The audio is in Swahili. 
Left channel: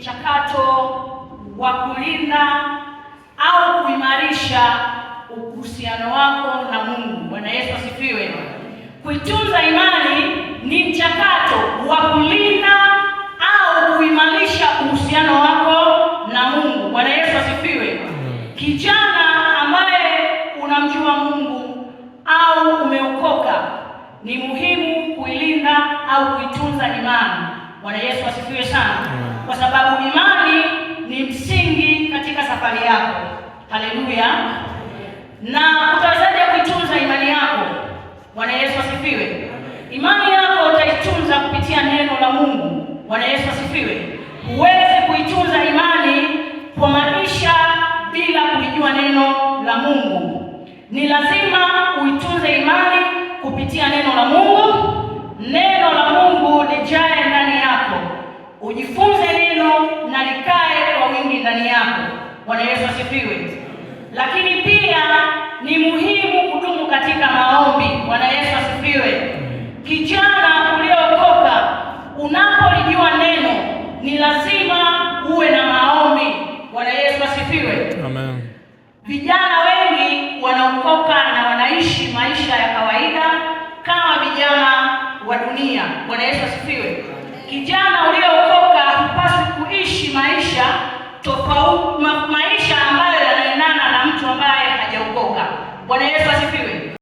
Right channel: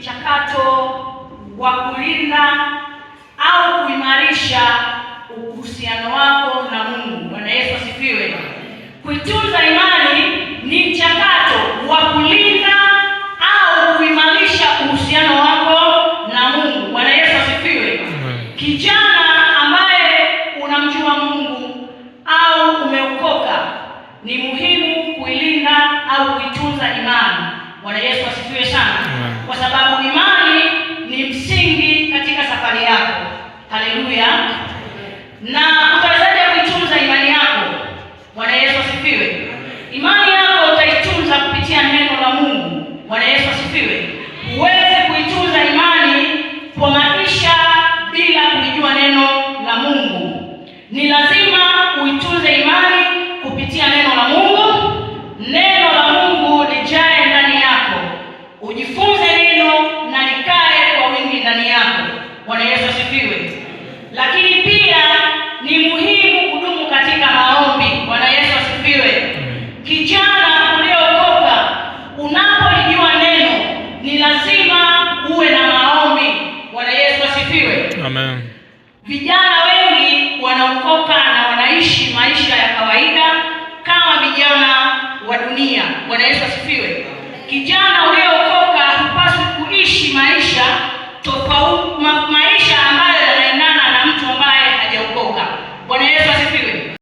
mchakato wa kulinda au kuimarisha uhusiano wako na Mungu. Bwana Yesu asifiwe. Kuitunza imani ni mchakato wa kulinda au kuimarisha uhusiano wako na Mungu. Bwana Yesu asifiwe. Kijana ambaye unamjua Mungu au umeokoka, ni muhimu kuilinda au kuitunza imani. Bwana Yesu asifiwe sana. Kwa sababu imani ni msingi katika safari yako. Haleluya. Na utawezaje kuitunza imani yako? Bwana Yesu asifiwe. Imani yako utaitunza kupitia neno la Mungu. Bwana Yesu asifiwe. Huwezi kuitunza imani kwa maisha bila kulijua neno la Mungu. Ni lazima uitunze imani kupitia neno la Mungu. Neno la Mungu lijae ndani yako. Ujifunze neno na likae kwa wingi ndani yako. Bwana Yesu asifiwe. Lakini pia ni muhimu kudumu katika maombi. Bwana Yesu asifiwe. Kijana uliokoka, unapolijua neno, ni lazima uwe na maombi. Bwana Yesu asifiwe. Amen. Vijana wengi wanaokoka na wanaishi maisha ya kawaida kama vijana wa dunia. Bwana Yesu asifiwe.